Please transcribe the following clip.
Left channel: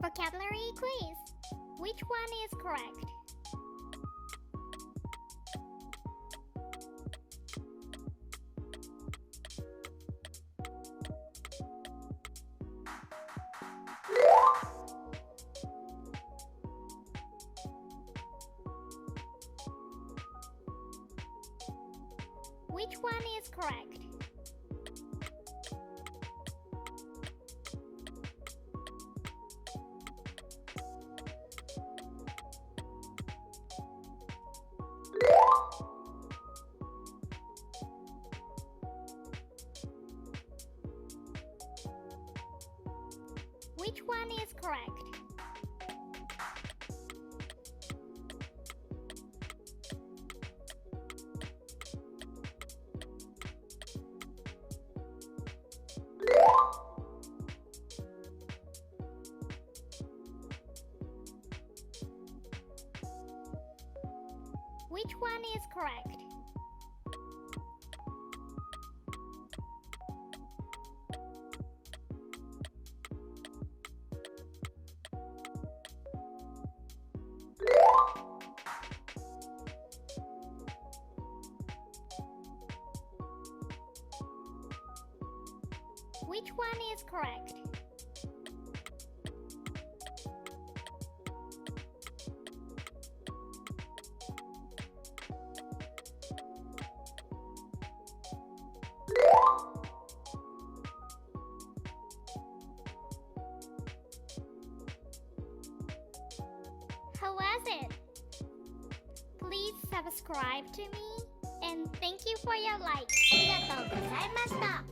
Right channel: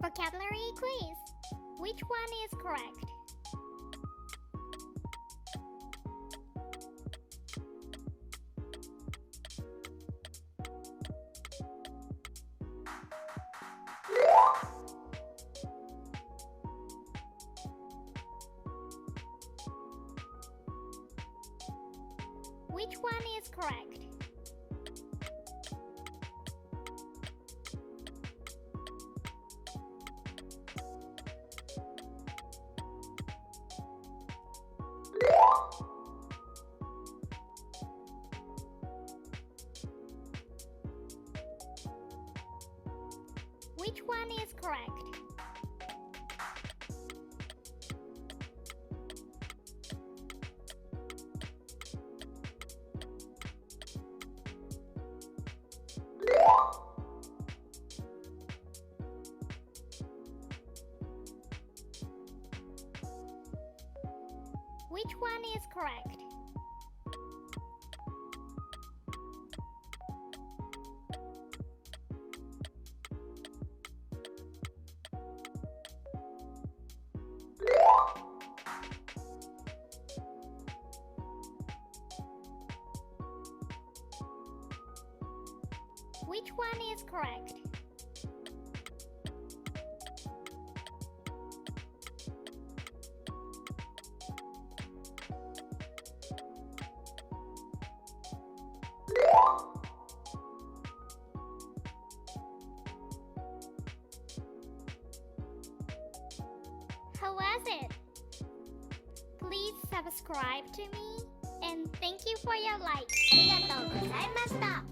vocabulary quiz. Which one is correct? Which one is correct? Which one is correct? Which one is correct? Which one is correct? How was it? Please subscribe to me and thank you for your like. ありがとうございました。